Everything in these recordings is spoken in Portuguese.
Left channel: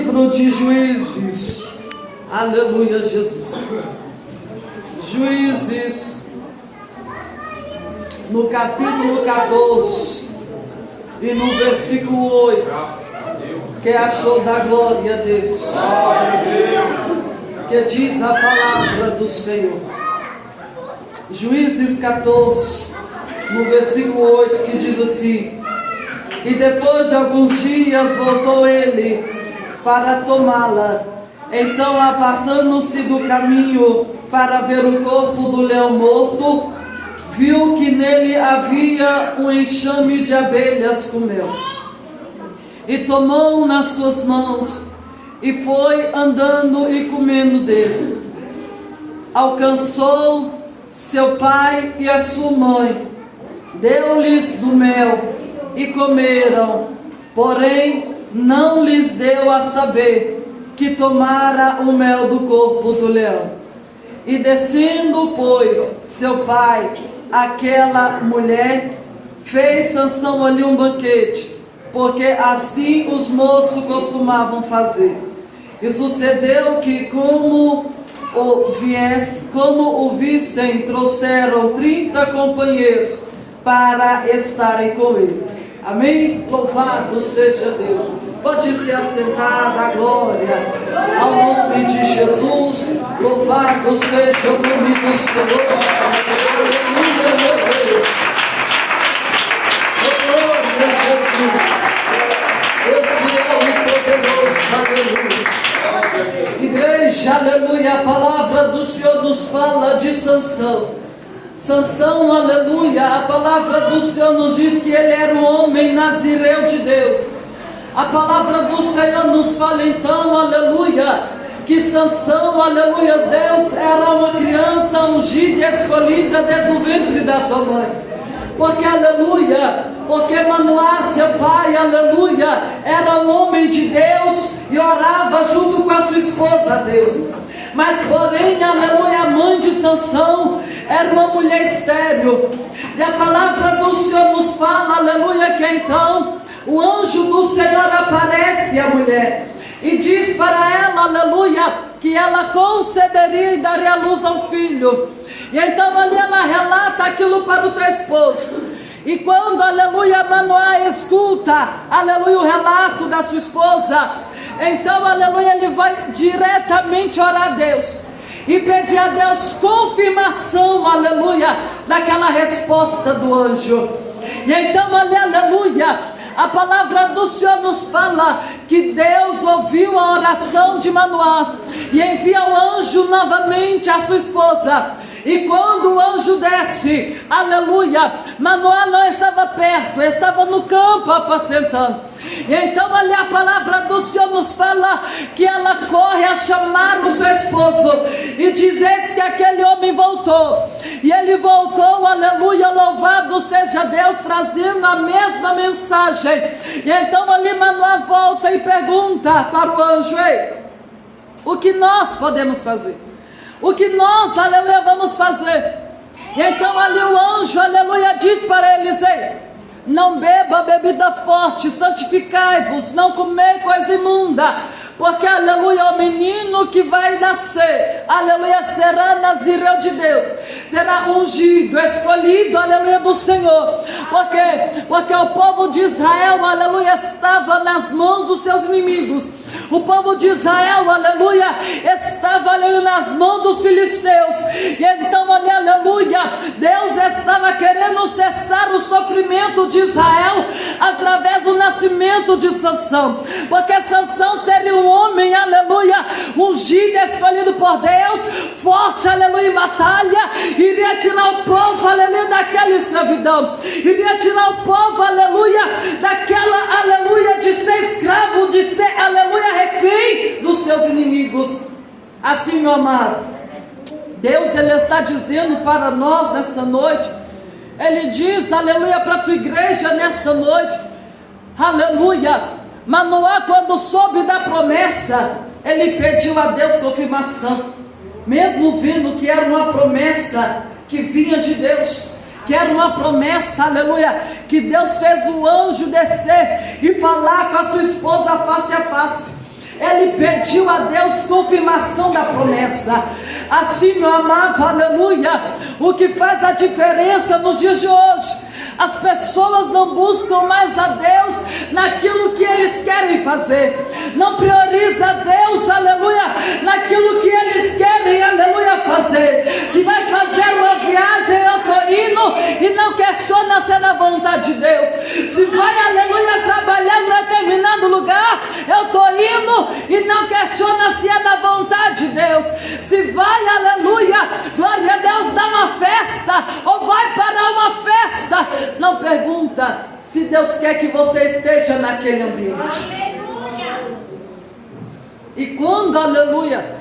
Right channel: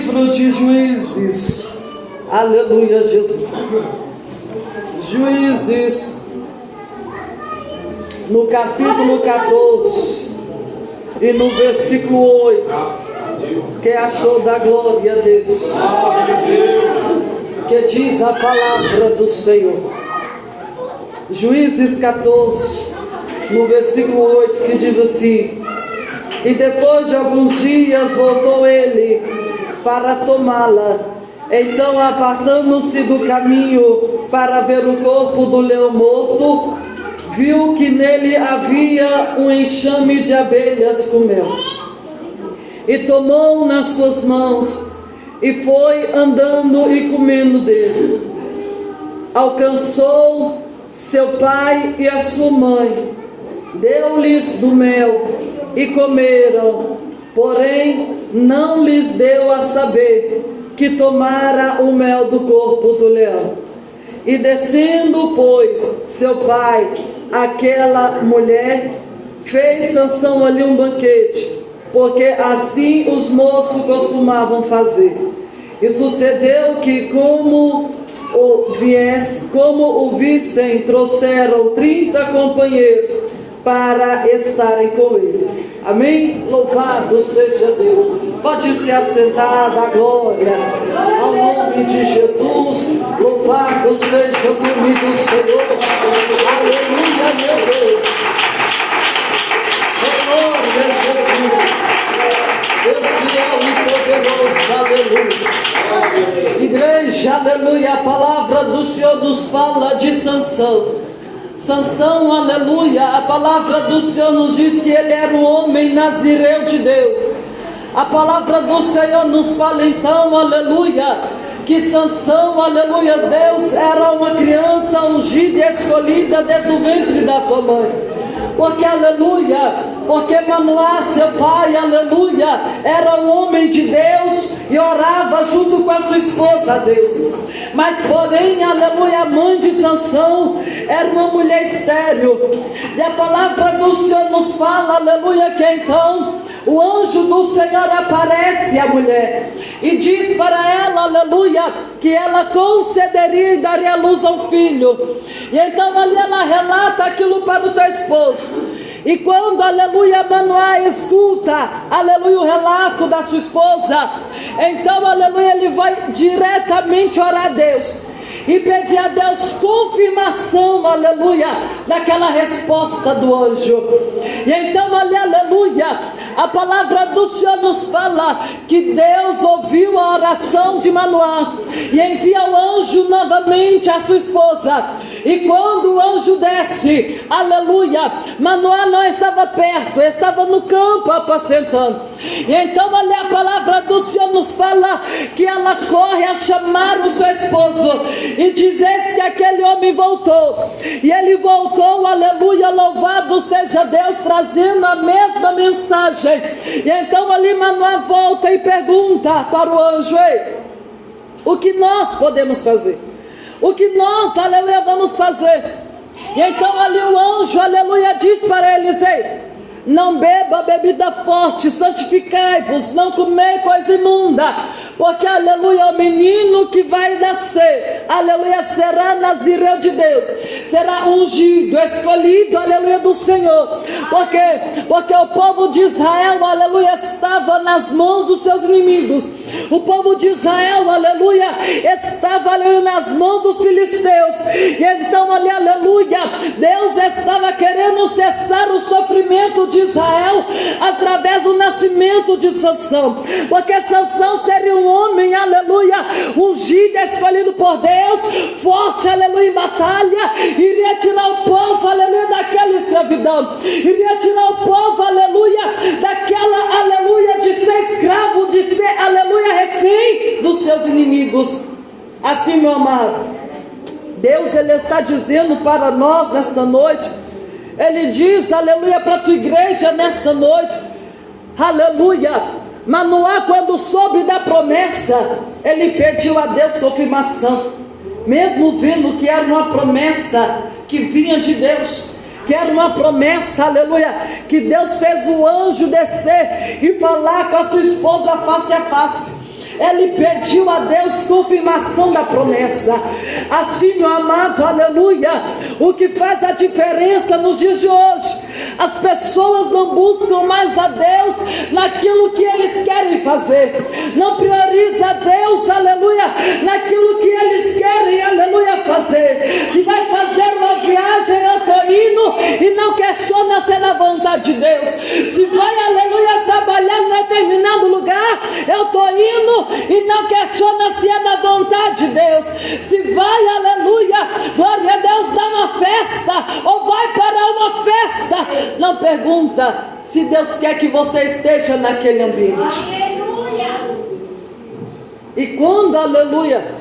livro de Juízes, aleluia, Jesus. Juízes, no capítulo 14 e no versículo 8, que achou da glória a Deus, que diz a palavra do Senhor. Juízes 14, no versículo 8, que diz assim: e depois de alguns dias voltou ele para tomá-la. Então, apartando-se do caminho para ver o corpo do leão morto, viu que nele havia um enxame de abelhas com mel. E tomou nas suas mãos e foi andando e comendo dele. Alcançou seu pai e a sua mãe, deu-lhes do mel e comeram, porém não lhes deu a saber que tomara o mel do corpo do leão. E descendo, pois, seu pai, aquela mulher, fez Sansão ali um banquete, porque assim os moços costumavam fazer. E sucedeu que, como o vissem, trouxeram 30 companheiros para estarem com ele. Amém? Louvado seja Deus. Pode se assentar, da glória ao nome de Jesus. Louvado seja o nome do Senhor. Aleluia, meu Deus. Glória a Jesus. Esse é o poderoso. Aleluia. Igreja, aleluia. A palavra do Senhor nos fala de Sansão. Sansão, aleluia, a palavra do Senhor nos diz que ele era um homem nazireu de Deus. A palavra do Senhor nos fala então, aleluia, que Sansão, aleluia, Deus era uma criança ungida e escolhida desde o ventre da tua mãe. Porque, aleluia, porque Manoá, seu pai, aleluia, era um homem de Deus e orava junto com a sua esposa, Deus. Mas porém, aleluia, a mãe de Sansão era uma mulher estéril. E a palavra do Senhor nos fala, aleluia, que então o anjo do Senhor aparece à mulher e diz para ela, aleluia, que ela concederia e daria luz ao filho. E então ali ela relata aquilo para o teu esposo. E quando, aleluia, Manoá escuta, aleluia, o relato da sua esposa, então, aleluia, ele vai diretamente orar a Deus e pedir a Deus confirmação, aleluia, daquela resposta do anjo. E então, aleluia, a palavra do Senhor nos fala que Deus ouviu a oração de Manoá e envia o anjo novamente à sua esposa. E quando o anjo desce, aleluia, Manoá não estava perto, estava no campo apacentando. E então ali a palavra do Senhor nos fala que ela corre a chamar o seu esposo e diz que aquele homem voltou. E ele voltou, aleluia, louvado seja Deus, trazendo a mesma mensagem. E então ali Manoá volta e pergunta para o anjo: ei, o que nós podemos fazer? O que nós, aleluia, vamos fazer? E então ali o anjo, aleluia, diz para eles: ei, não beba bebida forte, santificai-vos, não comer coisa imunda, porque, aleluia, o menino que vai nascer, aleluia, será nazireu de Deus, será ungido, escolhido, aleluia, do Senhor. Porque o povo de Israel, aleluia, estava nas mãos dos seus inimigos. O povo de Israel, aleluia, estava ali nas mãos dos filisteus. E então ali, aleluia, Deus estava querendo cessar o sofrimento de Israel através do nascimento de Sansão. Porque Sansão seria um homem, aleluia, ungido, escolhido por Deus, forte, aleluia, em batalha, iria tirar o povo, aleluia, daquela escravidão, iria tirar o povo, aleluia, daquela, aleluia, de ser escravo, de ser, aleluia, refém dos seus inimigos. Assim, meu amado, Deus, ele está dizendo para nós nesta noite, ele diz, aleluia, para a tua igreja nesta noite, aleluia, Manoá, quando soube da promessa, ele pediu a Deus confirmação, mesmo vendo que era uma promessa que vinha de Deus, que era uma promessa, aleluia, que Deus fez o anjo descer e falar com a sua esposa face a face. ele pediu a Deus confirmação da promessa. Assim, meu amado, aleluia, o que faz a diferença nos dias de hoje, as pessoas não buscam mais a Deus naquilo que eles querem fazer, não prioriza a Deus, aleluia, naquilo que eles querem, aleluia, fazer. Se vai fazer uma viagem, eu estou indo e não questiona se é da vontade de Deus. Se vai, aleluia, trabalhar em determinado lugar, eu estou indo e não questiona se é da vontade de Deus. Se vai, aleluia, glória a Deus, dar uma festa ou vai para uma festa, não pergunta se Deus quer que você esteja naquele ambiente. Aleluia. E quando, aleluia,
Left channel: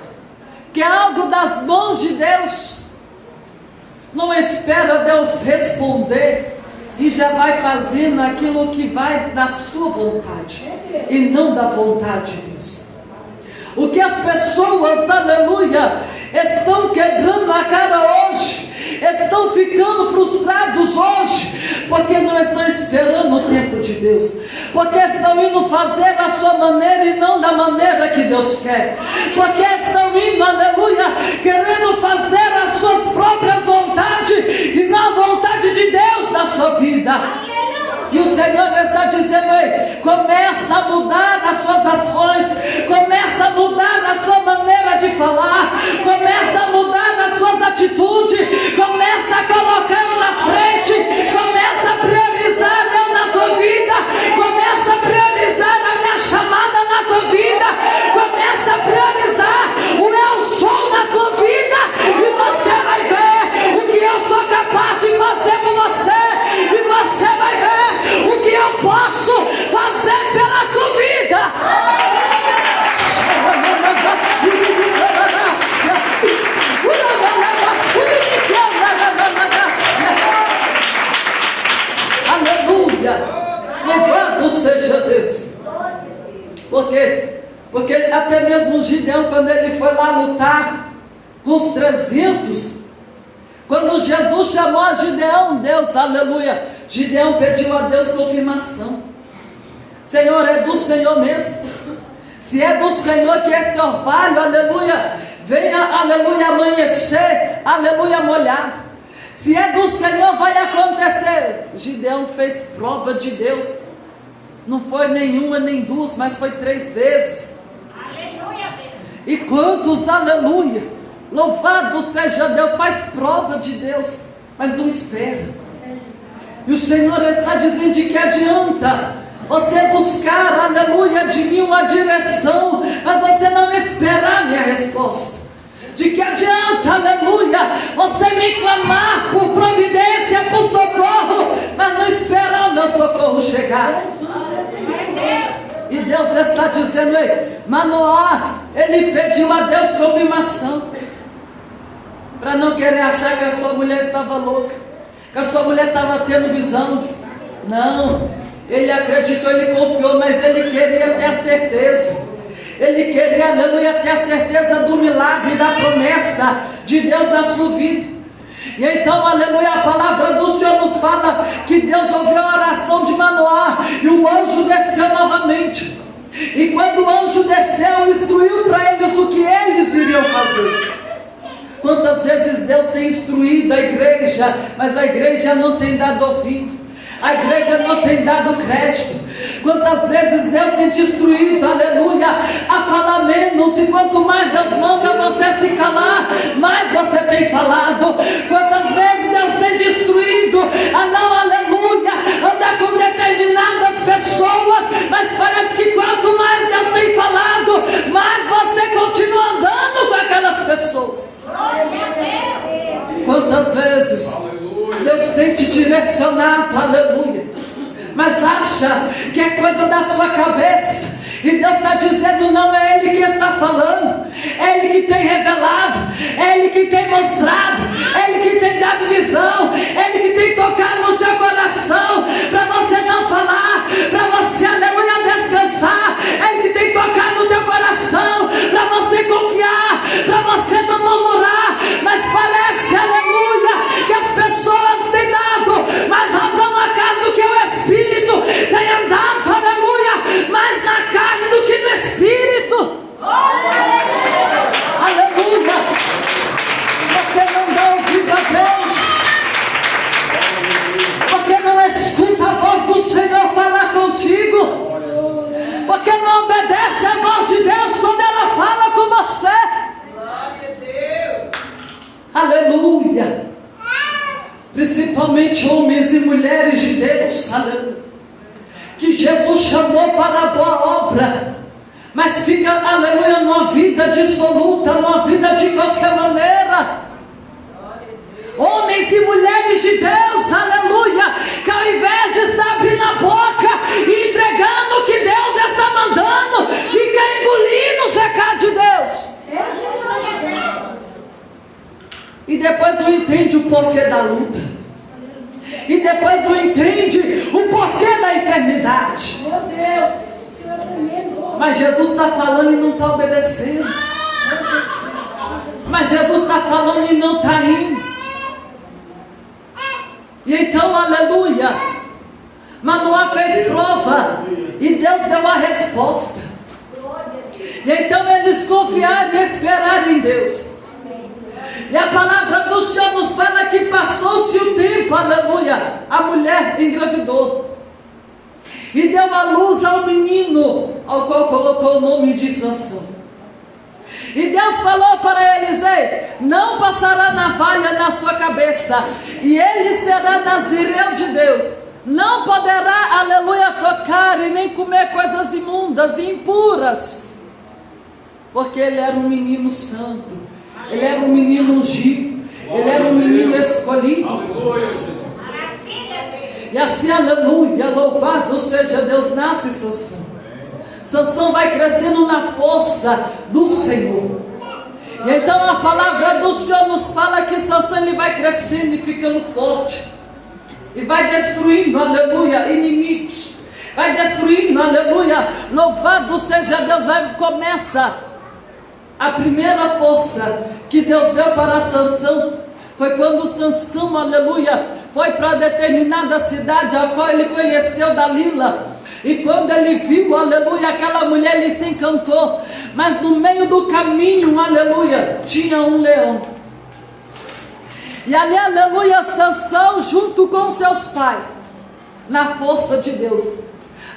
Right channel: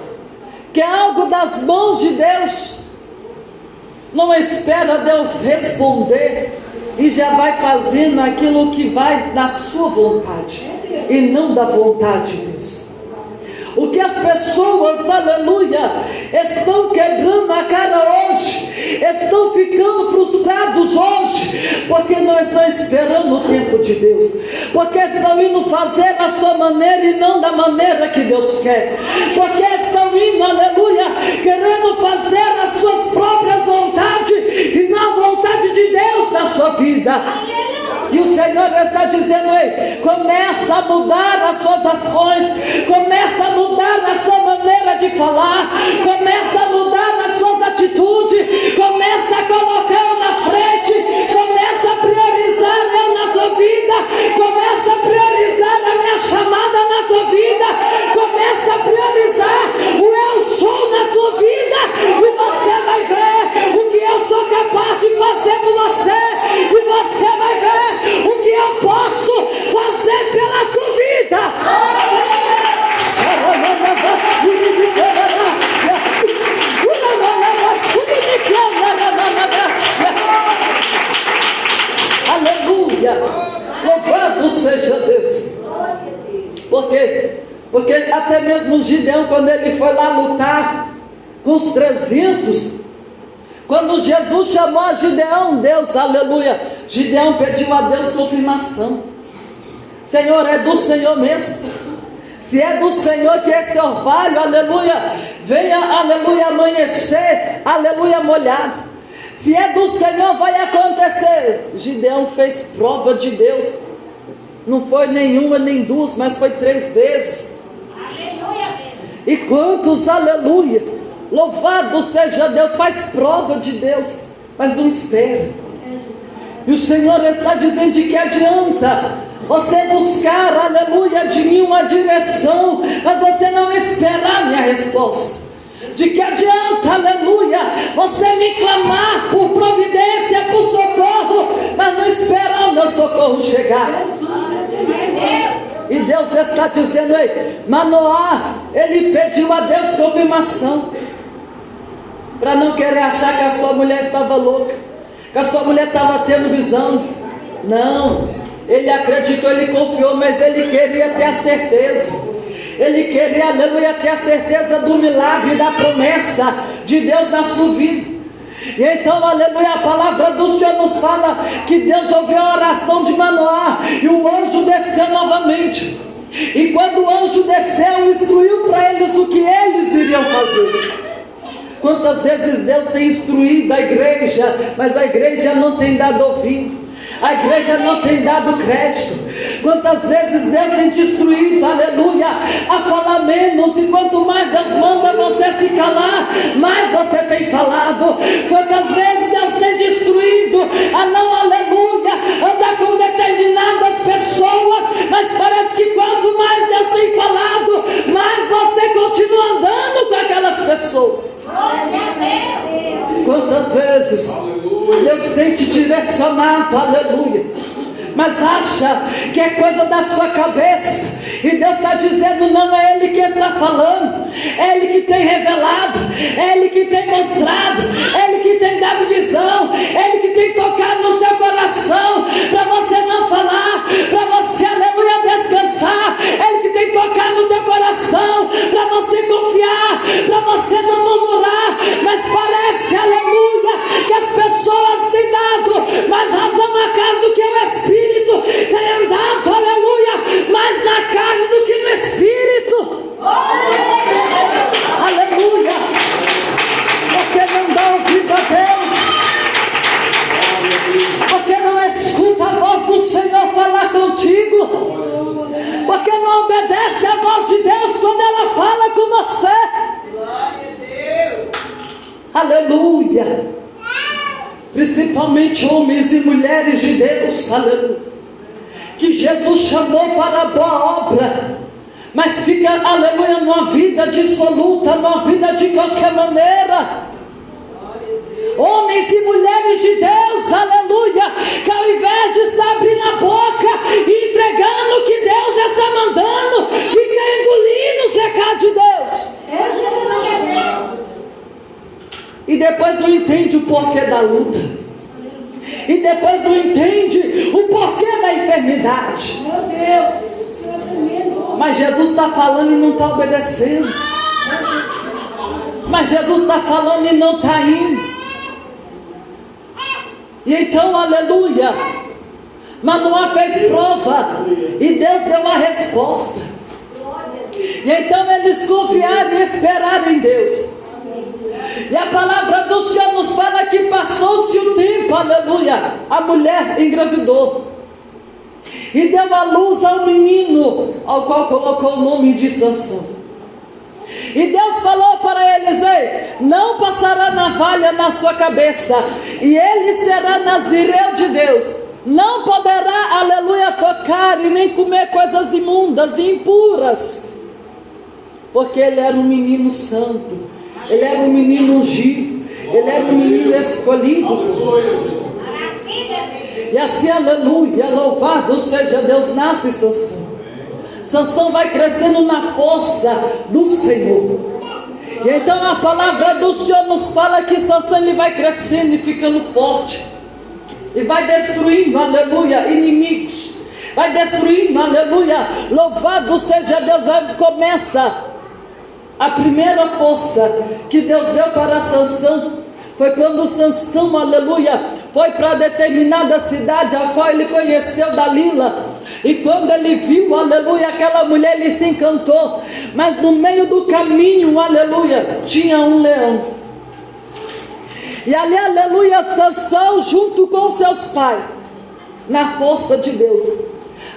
quer algo das mãos de Deus, não espera Deus responder e já vai fazendo aquilo que vai da sua vontade e não da vontade de Deus. O que as pessoas, aleluia, estão quebrando a cara hoje, estão ficando frustrados hoje, porque não estão esperando o tempo de Deus, porque estão indo fazer da sua maneira e não da maneira que Deus quer, porque estão indo, aleluia, querendo fazer as suas próprias vontades e não a vontade de Deus na sua vida. E o Senhor está dizendo aí, começa a mudar as suas ações, começa a mudar a sua maneira de falar, começa a mudar as suas atitudes, começa a colocar eu na frente, começa a priorizar eu na tua vida, começa a priorizar a minha chamada na tua vida, começa a priorizar o eu sou na tua vida, e você vai ver o que eu sou capaz de fazer por você, e você vai ver o que eu posso fazer pela tua vida. Aleluia, louvado seja Deus. Por quê? Porque até mesmo Gideão, quando ele foi lá lutar com os 300, quando Jesus chamou a Gideão, Deus, aleluia, Gideão pediu a Deus confirmação. Senhor, é do Senhor mesmo? Se é do Senhor que esse orvalho, aleluia, venha, aleluia, amanhecer, aleluia, molhado. Se é do Senhor, vai acontecer. Gideão fez prova de Deus. Não foi nenhuma nem duas, mas foi 3 vezes. Aleluia. E quantos, aleluia, louvado seja Deus, faz prova de Deus, mas não espera. E o Senhor está dizendo de que adianta você buscar, aleluia, de mim uma direção, mas você não esperar a minha resposta. De que adianta, aleluia, você me clamar por providência, por socorro, mas não esperar o meu socorro chegar. E Deus está dizendo aí, Manoá, ele pediu a Deus confirmação, para não querer achar que a sua mulher estava louca, que a sua mulher estava tendo visões. Não, ele acreditou, ele confiou, mas ele queria ter a certeza. Ele queria, aleluia, ter a certeza do milagre, da promessa de Deus na sua vida. E então, aleluia, a palavra do Senhor nos fala que Deus ouviu a oração de Manoá e o anjo desceu novamente. E quando o anjo desceu, instruiu para eles o que eles iriam fazer. Quantas vezes Deus tem instruído a igreja, mas a igreja não tem dado ouvido, a igreja não tem dado crédito. Quantas vezes Deus tem te instruído, aleluia, a falar menos, e quanto mais Deus manda você se calar, mais você tem falado. Quantas vezes Deus tem te instruído a não, aleluia, andar com determinadas pessoas, mas parece que quanto mais Deus tem falado, mais você continua andando com aquelas pessoas. Quantas vezes Deus tem te direcionado, aleluia, mas acha que é coisa da sua cabeça, e Deus está dizendo, não é Ele que está falando, é Ele que tem revelado, é Ele que tem mostrado, é Ele que tem dado visão, é Ele que tem tocado no seu coração, para você não falar, para você, aleluia, descansar, é Ele que tem tocado no teu coração, para você confiar, para você não murmurar, mas parece, aleluia, que as pessoas têm dado mais razão à carne do que o Espírito, tem andado, aleluia, mais na carne do que no Espírito. aleluia, principalmente homens e mulheres de Deus, aleluia, que Jesus chamou para a boa obra, mas fica, aleluia, numa vida dissoluta, numa vida de qualquer maneira. Homens e mulheres de Deus, aleluia, que ao invés de estar abrindo a boca e entregando o que Deus está mandando, fica engolindo os recados de Deus. E depois não entende o porquê da luta. E depois não entende o porquê da enfermidade. Meu Deus, o Senhor é tremendo. Mas Jesus está falando e não está obedecendo. Mas Jesus está falando e não está indo. E então, aleluia, Manoá fez prova e Deus deu a resposta. E então eles confiaram e esperaram em Deus. E a palavra do Senhor nos fala que passou-se o tempo, aleluia, a mulher engravidou e deu a luz ao menino, ao qual colocou o nome de Sansão. E Deus falou para eles: ei, não passará navalha na sua cabeça, e ele será nazireu de Deus, não poderá, aleluia, tocar e nem comer coisas imundas e impuras, porque ele era um menino santo, ele era um menino ungido, ele era um menino escolhido por Deus. E assim, aleluia, louvado seja Deus, nasce Sansão. Sansão vai crescendo na força do Senhor. E então a palavra do Senhor nos fala que Sansão ele vai crescendo e ficando forte. E vai destruindo, aleluia, inimigos. Vai destruindo, aleluia, louvado seja Deus. Aí começa a primeira força que Deus deu para Sansão. Foi quando Sansão, aleluia, foi para determinada cidade, a qual ele conheceu Dalila. E quando ele viu, aleluia, aquela mulher, ele se encantou. Mas no meio do caminho, aleluia, tinha um leão. E ali, aleluia, Sansão junto com seus pais, na força de Deus.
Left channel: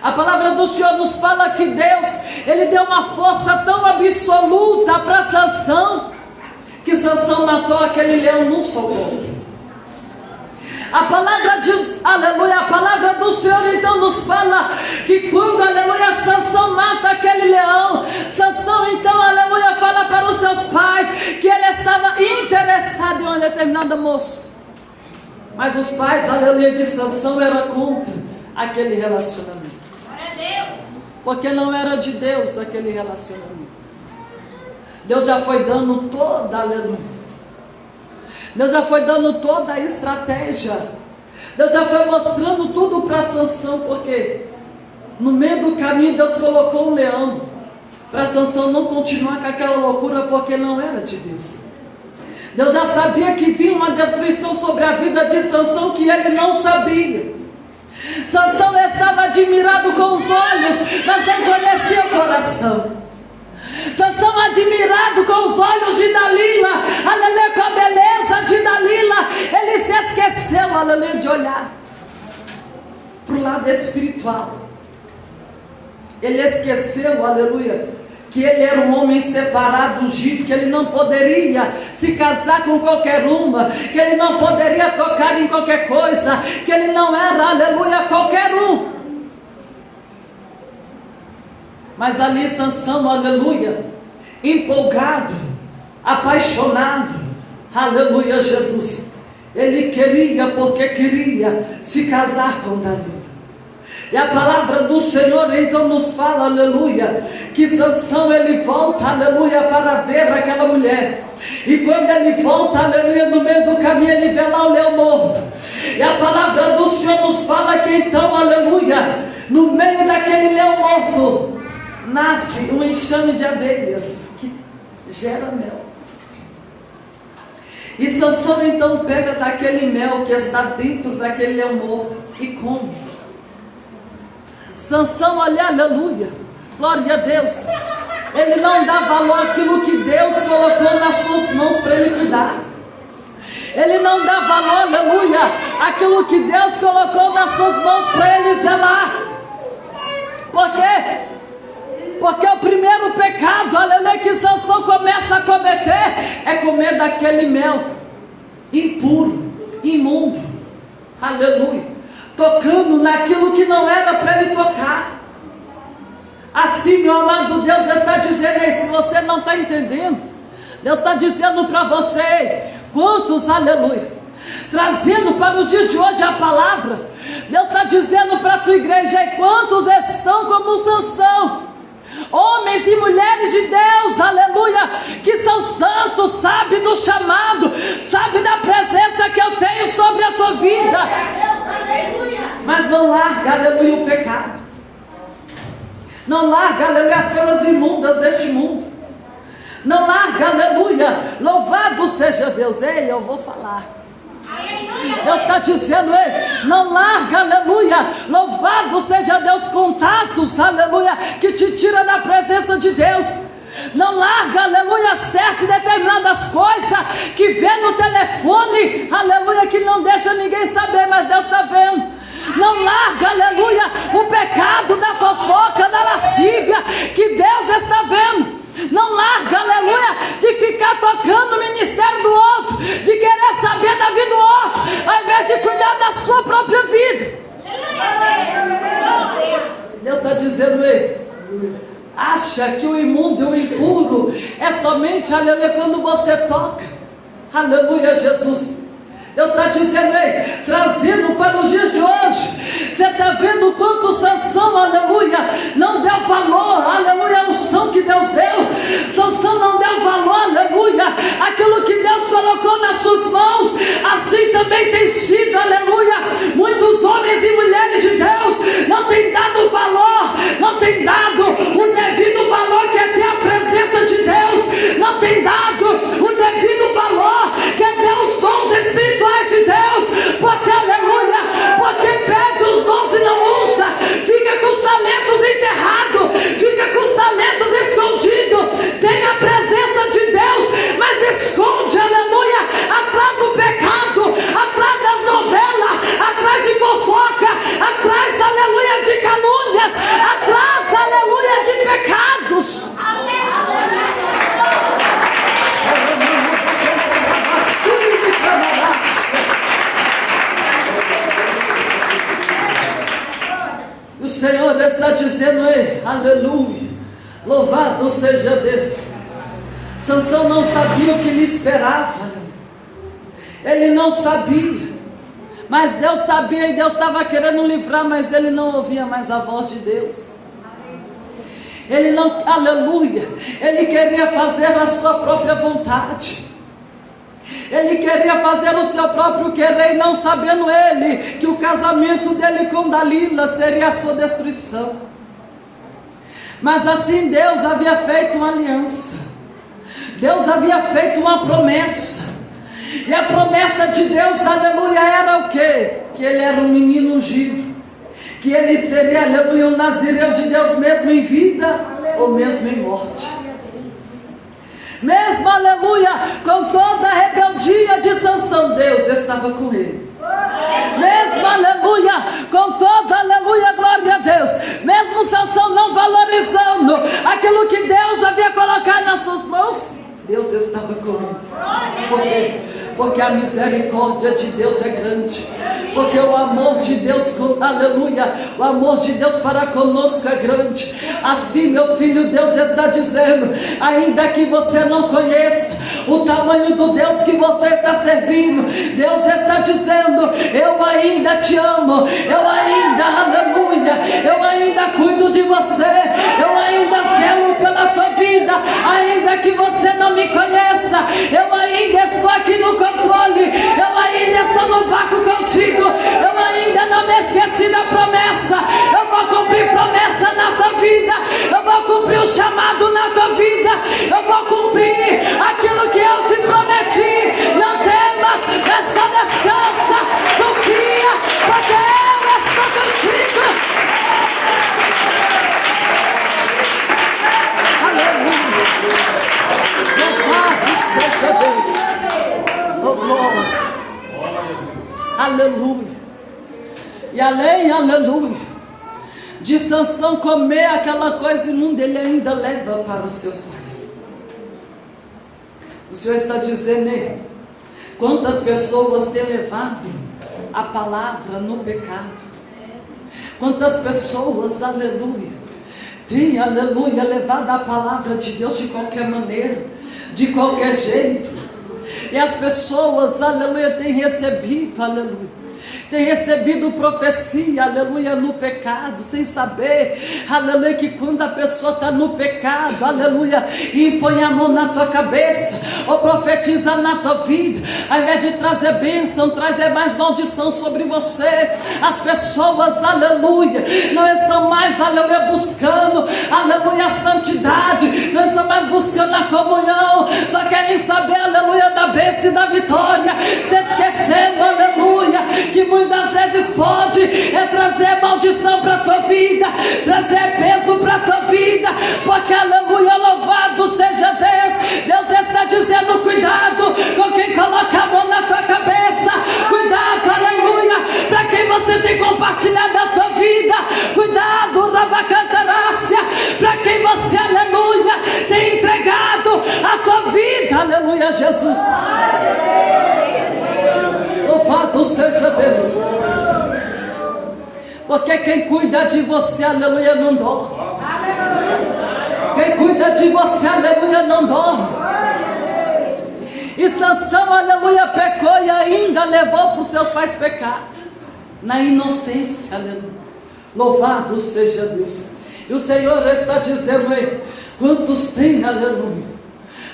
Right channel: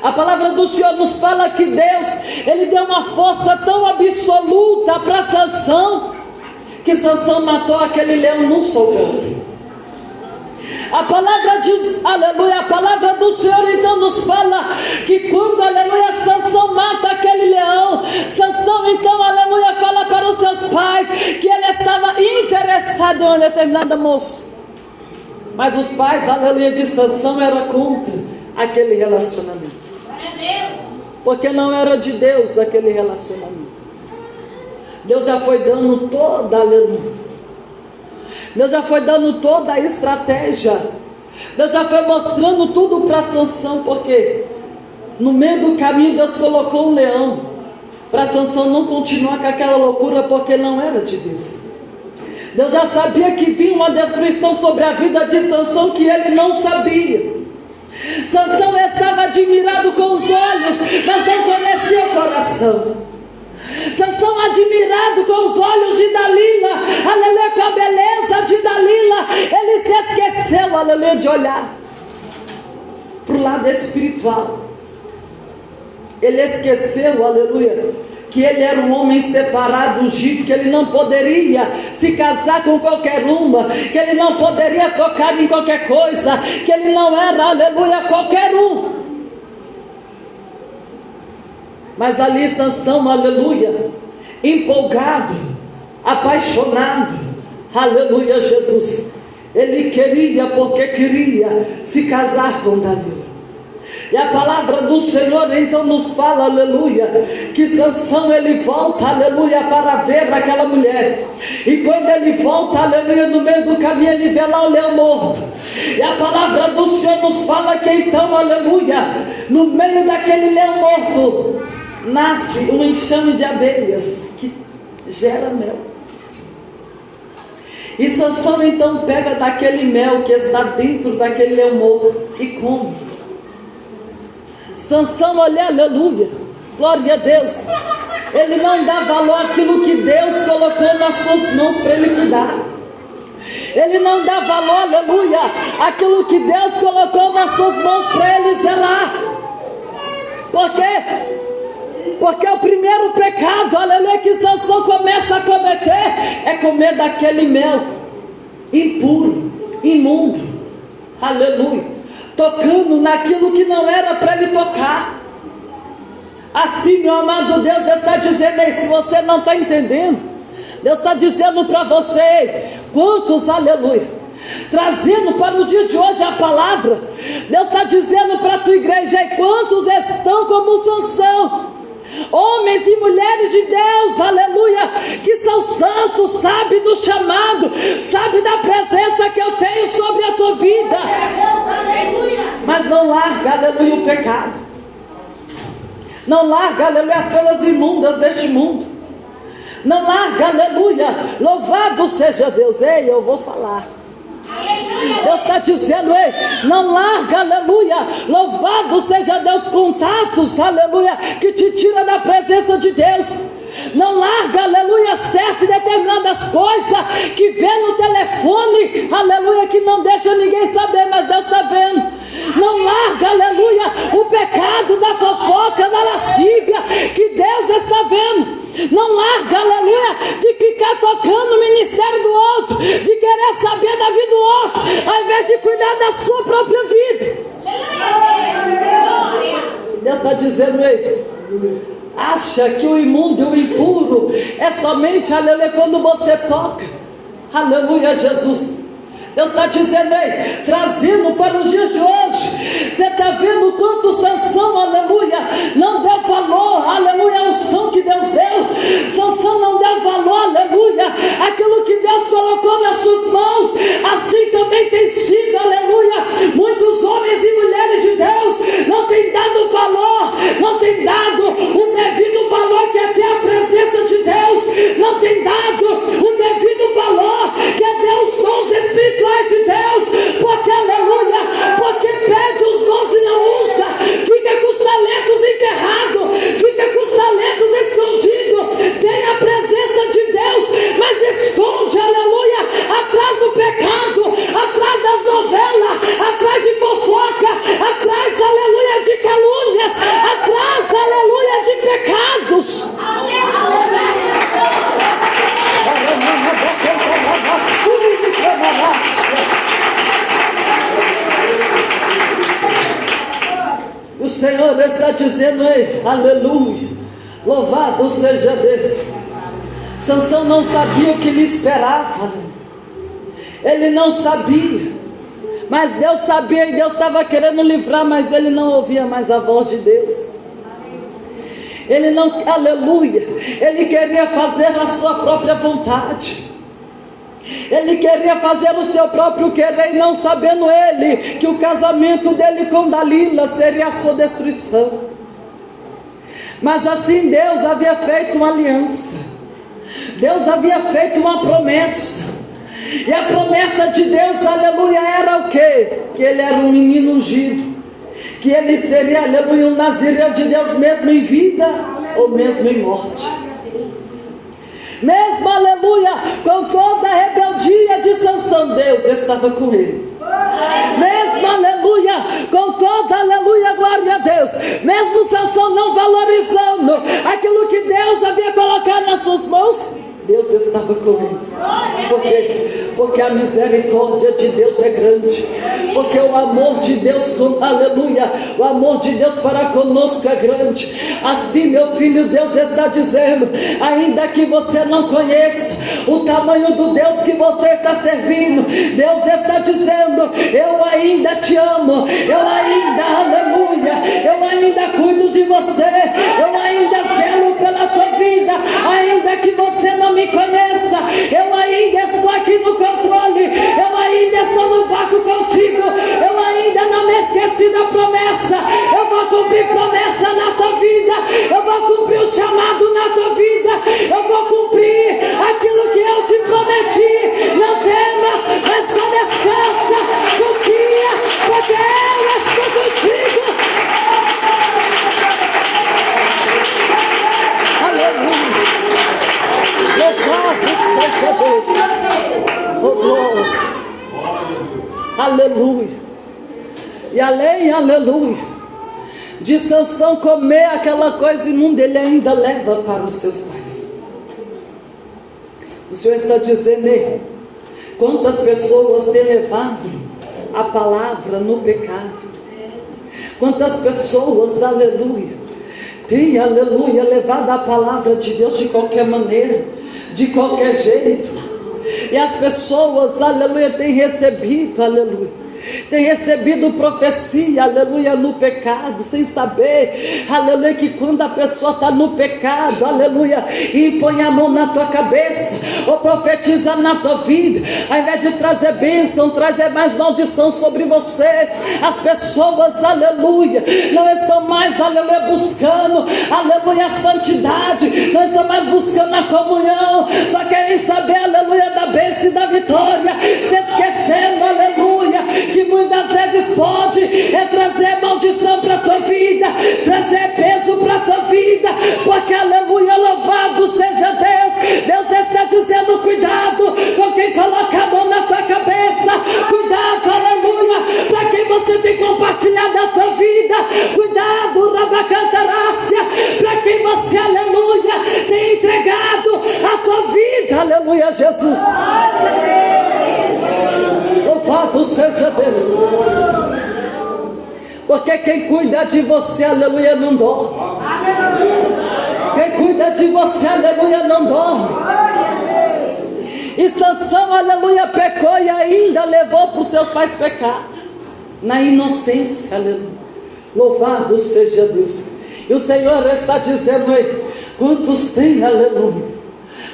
A palavra do Senhor nos fala que Deus, ele deu uma força tão absoluta para Sansão, que Sansão matou aquele leão num só golpe. A palavra diz, aleluia, a palavra do Senhor então nos fala que quando, aleluia, Sansão mata aquele leão, Sansão então, aleluia, fala para os seus pais que ele estava interessado em uma determinada moça. Mas os pais, aleluia, de Sansão eram contra aquele relacionamento. Porque não era de Deus aquele relacionamento. Deus já foi dando toda, aleluia, Deus já foi dando toda a estratégia. Deus já foi mostrando tudo para Sansão, porque no meio do caminho Deus colocou um leão para Sansão não continuar com aquela loucura, porque não era de Deus. Deus já sabia que vinha uma destruição sobre a vida de Sansão que ele não sabia. Sansão estava admirado com os olhos, mas não conhecia o coração. Sansão admirado com os olhos de Dalila, aleluia, com a beleza de Dalila, ele se esqueceu, aleluia, de olhar para o lado espiritual. Ele esqueceu, aleluia, que ele era um homem separado, ungido, que ele não poderia se casar com qualquer uma, que ele não poderia tocar em qualquer coisa, que ele não era, aleluia, qualquer um. Mas ali Sansão, aleluia, empolgado, apaixonado, aleluia, Jesus, ele queria, porque queria se casar com Dalila. E a palavra do Senhor então nos fala, aleluia, que Sansão ele volta, aleluia, para ver aquela mulher. E quando ele volta, aleluia, no meio do caminho ele vê lá o leão morto. E a palavra do Senhor nos fala que então, aleluia, no meio daquele leão morto, nasce um enxame de abelhas que gera mel. E Sansão então pega daquele mel que está dentro daquele leão morto e come. Sansão, olha, aleluia, glória a Deus, ele não dá valor àquilo que Deus colocou nas suas mãos para ele cuidar. Ele não dá valor, aleluia, àquilo que Deus colocou nas suas mãos para ele zelar. Por quê? Porque o primeiro pecado, aleluia, que Sansão começa a cometer é comer daquele mel impuro, imundo, aleluia, tocando naquilo que não era para ele tocar. Assim, meu amado, Deus está dizendo aí, se você não está entendendo, Deus está dizendo para você, quantos, aleluia, trazendo para o dia de hoje a palavra, Deus está dizendo para a tua igreja, quantos estão como Sansão, homens e mulheres de Deus, aleluia, que são santos, sabe do chamado, sabe da presença que eu tenho sobre a tua vida, mas não larga, aleluia, o pecado, não larga, aleluia, as coisas imundas deste mundo, não larga, aleluia, louvado seja Deus. Ei, eu vou falar, Deus está dizendo, ei, não larga, aleluia, louvado seja Deus, contatos, aleluia, que te tira da presença de Deus. Não larga, aleluia, certas e determinadas coisas que vê no telefone, aleluia, que não deixa ninguém saber, mas Deus está vendo. Não larga, aleluia, o pecado da fofoca, da lascívia, que Deus está vendo. Não larga, aleluia, de ficar tocando o ministério do outro, de querer saber da vida do outro, ao invés de cuidar da sua própria vida. Deus está dizendo, ei, acha que o imundo e o impuro é somente, aleluia, quando você toca, aleluia, Jesus. Deus está dizendo, ei, trazendo para os dias de hoje, você está vendo o quanto Sansão, aleluia, não deu valor, aleluia, a unção que Deus deu. Sansão não deu valor, aleluia, aquilo que Deus colocou nas suas mãos. Assim também tem sido, aleluia, muitos homens e mulheres de Deus não têm dado valor, não têm dado o devido valor que é ter a presença de Deus, não têm dado o devido valor que é ter os dons espirituais de Deus, porque, aleluia, porque pede os dons e não usa, fica com os talentos enterrados, fica com os talentos escondidos, tem a presença de Deus, mas esconde, aleluia, atrás do pecado, atrás das novelas, atrás de fofoca, atrás, aleluia, de calúnias, atrás, aleluia, de pecados. O Senhor está dizendo, ei, aleluia, louvado seja Deus. Sansão não sabia o que lhe esperava, ele não sabia, mas Deus sabia, e Deus estava querendo livrar, mas ele não ouvia mais a voz de Deus. Ele não, aleluia, ele queria fazer a sua própria vontade, ele queria fazer o seu próprio querer, não sabendo ele que o casamento dele com Dalila seria a sua destruição. Mas assim Deus havia feito uma aliança, Deus havia feito uma promessa, e a promessa de Deus, aleluia, era o quê? Que ele era um menino ungido, que ele seria, aleluia, um nazireu de Deus, mesmo em vida ou mesmo em morte. Mesmo, aleluia, com toda a rebeldia de Sansão, Deus estava com ele. Mesmo, aleluia, com toda, aleluia, glória a Deus, mesmo Sansão não valorizando aquilo que Deus havia colocado nas suas mãos, Deus estava com ele. Por quê? Porque a misericórdia de Deus é grande, porque o amor de Deus, aleluia, o amor de Deus para conosco é grande. Assim, meu filho, Deus está dizendo, ainda que você não conheça o tamanho do Deus que você está servindo, Deus está dizendo, eu ainda te amo, eu ainda, aleluia, eu ainda cuido de você, eu ainda zelo pela tua vida, ainda que você não me conheça, eu ainda estou aqui no controle, eu ainda estou no barco contigo, eu ainda não me esqueci da promessa, eu vou cumprir promessa na tua vida, eu vou cumprir o chamado na tua vida, eu vou cumprir aquilo que eu te prometi. Não temas, mas só descansa, confia, porque eu estou contigo. Louvado seja Deus. Oh, glória. Aleluia. E além, aleluia, de Sansão comer aquela coisa imunda, ele ainda leva para os seus pais. O Senhor está dizendo, Quantas pessoas têm levado a palavra no pecado? Quantas pessoas, aleluia, têm, aleluia, levado a palavra de Deus de qualquer maneira, de qualquer jeito. E as pessoas, aleluia, têm recebido, aleluia, tem recebido profecia, aleluia, no pecado, sem saber, aleluia, que quando a pessoa está no pecado, aleluia, e põe a mão na tua cabeça, ou profetiza na tua vida, ao invés de trazer bênção, trazer mais maldição sobre você. As pessoas, aleluia, não estão mais, aleluia, buscando, aleluia, a santidade, não estão mais buscando a comunhão, só querem saber, aleluia, da bênção e da vitória, se esquecendo, aleluia, que muitas vezes pode trazer maldição para a tua vida, trazer peso para a tua vida, porque aleluia, louvado seja Deus. Deus está dizendo: cuidado com quem coloca a mão na tua cabeça, cuidado, aleluia, para quem você tem compartilhado a tua vida, cuidado, rabacantarácia, para quem você, aleluia, tem entregado a tua vida, aleluia, Jesus. Louvado seja Deus, porque quem cuida de você, aleluia, não dorme. Quem cuida de você, aleluia, não dorme. E Sansão, aleluia, pecou e ainda levou para os seus pais pecar, na inocência, aleluia. Louvado seja Deus. E o Senhor está dizendo aí: quantos tem, aleluia,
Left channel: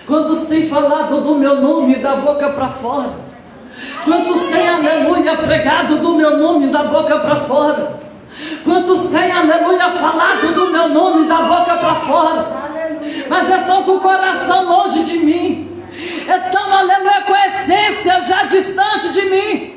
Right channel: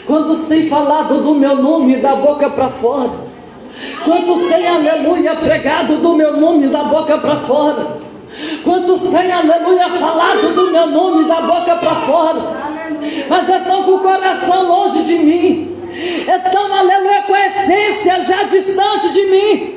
quantos tem falado do meu nome da boca para fora? Quantos têm, aleluia, pregado do meu nome da boca para fora? Quantos têm, aleluia, falado do meu nome da boca para fora? Mas estão com o coração longe de mim, estão, aleluia, com a essência já distante de mim.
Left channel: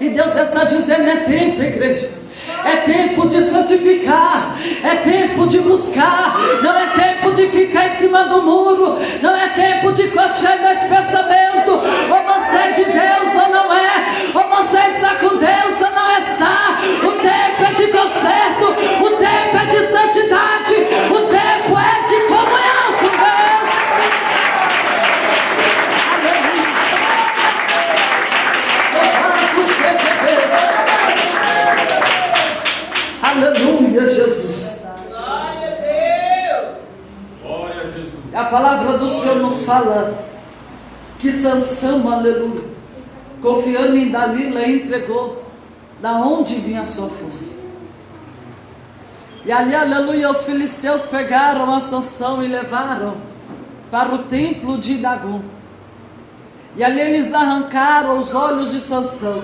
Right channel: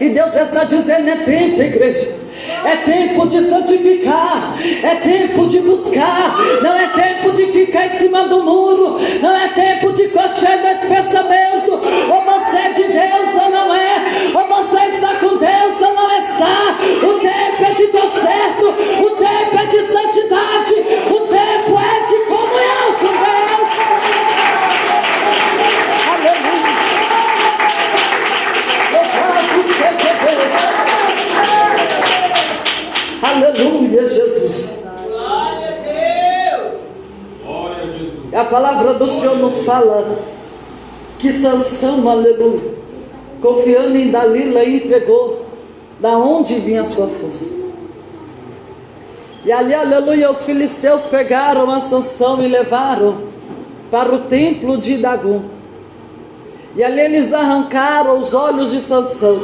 E Deus está dizendo: é tempo, igreja, é tempo de santificar, é tempo de buscar, não é tempo de ficar em cima do muro, não é tempo de coxar nesse pensamento, ou você é de Deus ou não é, ou você está com Deus ou não está. O tempo é de conserto, o tempo é de santidade, o tempo é de comunhão com Deus. Aleluia, louvado seja Deus. Aleluia, Jesus. Glória a Deus. Glória a Jesus. A palavra do Senhor nos fala que Sansão, aleluia, confiando em Dalila, entregou da onde vinha a sua força. E ali, aleluia, os filisteus pegaram a Sansão e levaram para o templo de Dagom. E ali eles arrancaram os olhos de Sansão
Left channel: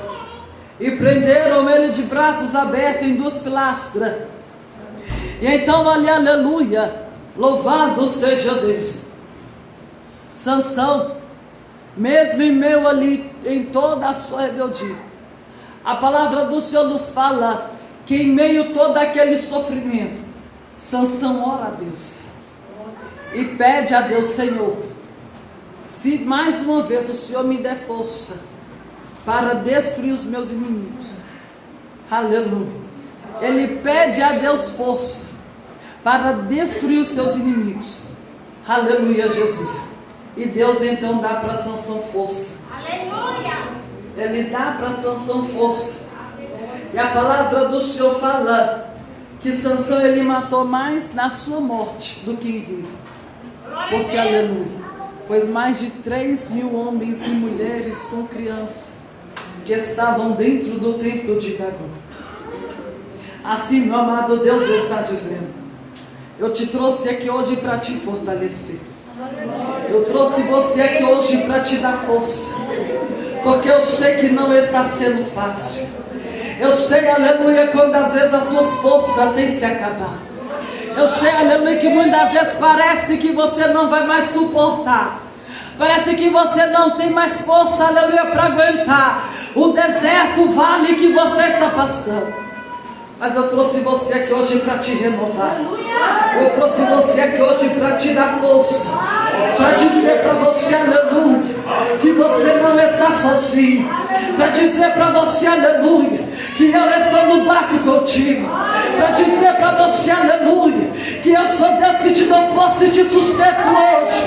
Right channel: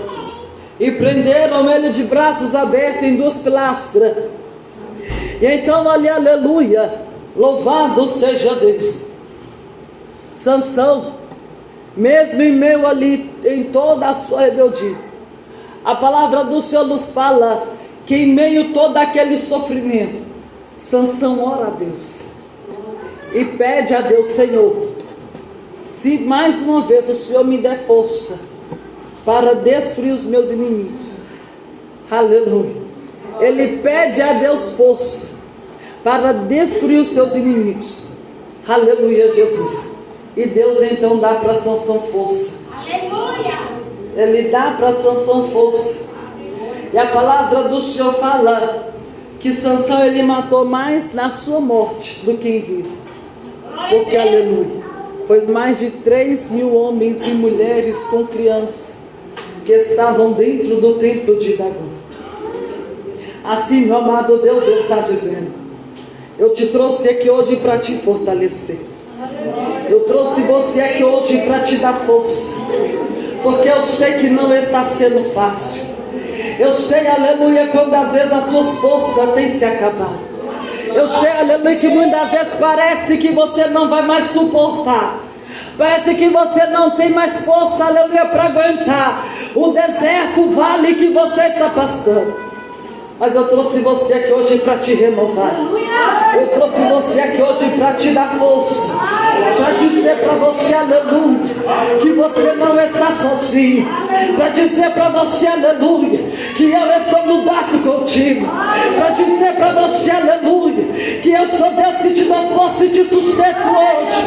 e prenderam ele de braços abertos em duas pilastras. E então ali, aleluia, louvado seja Deus, Sansão, mesmo em meio ali, em toda a sua rebeldia, a palavra do Senhor nos fala que em meio a todo aquele sofrimento, Sansão ora a Deus e pede a Deus: Senhor, se mais uma vez o Senhor me der força para destruir os meus inimigos, aleluia, ele pede a Deus força para destruir os seus inimigos, aleluia, Jesus. E Deus então dá para Sansão força. Aleluia. Ele dá para Sansão força. E a palavra do Senhor fala que Sansão ele matou mais na sua morte do que em vida. Porque, aleluia, pois mais de 3.000 homens e mulheres com crianças que estavam dentro do templo de Dagom. Assim, meu amado, Deus está dizendo: eu te trouxe aqui hoje para te fortalecer. Eu trouxe você aqui hoje para te dar força, porque eu sei que não está sendo fácil. Eu sei, aleluia, quando às vezes as tuas forças têm se acabado. Eu sei, aleluia, que muitas vezes parece que você não vai mais suportar. Parece que você não tem mais força, aleluia, para aguentar o deserto, o vale que você está passando. Mas eu trouxe você aqui hoje para te renovar. Eu trouxe você aqui hoje para te dar força, para dizer para você, aleluia, que você não está sozinho, para dizer para você, aleluia, que eu estou no barco contigo, para dizer para você, aleluia, que eu sou Deus que te dou força e te sustento hoje.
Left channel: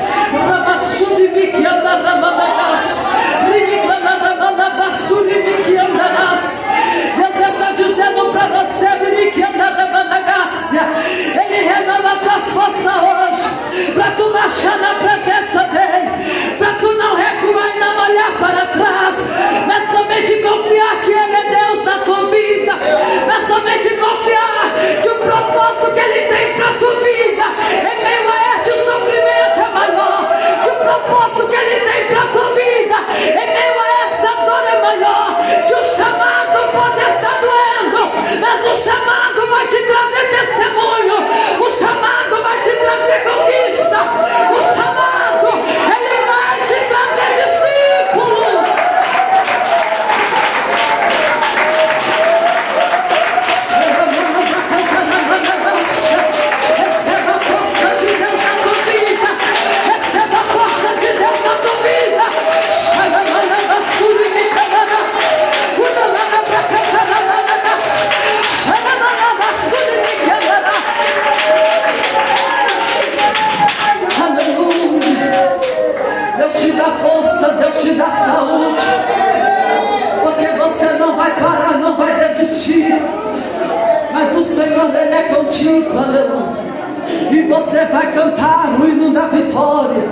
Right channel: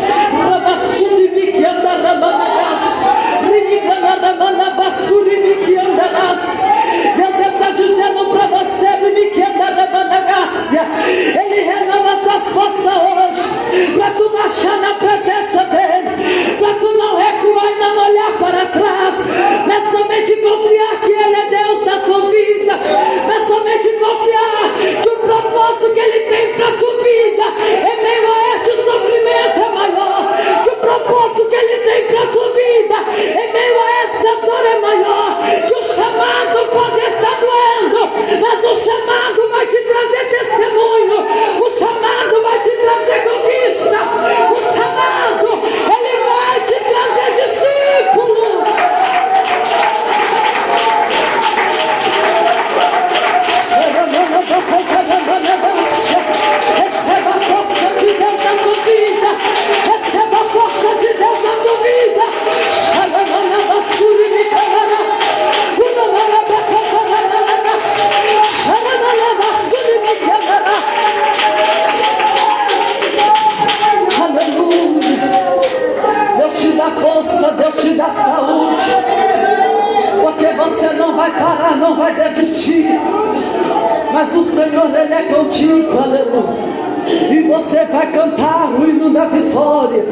cantar o hino da vitória.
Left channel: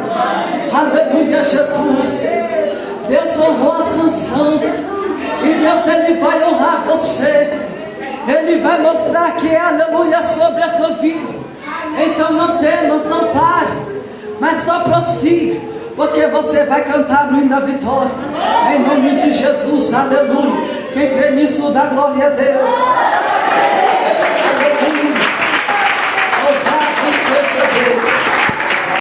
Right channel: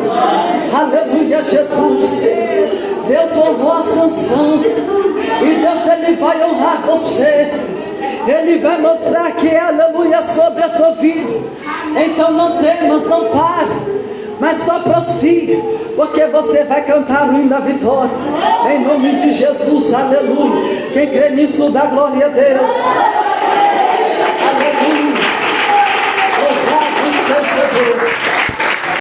Aleluia, Jesus. Deus honrou a Sansão. E Deus, Ele vai honrar você. Ele vai mostrar que é aleluia sobre a tua vida. Então não temas, não pare, mas só prossiga, porque você vai cantar o hino da vitória. Em nome de Jesus, aleluia. Quem crê nisso, dá glória a Deus.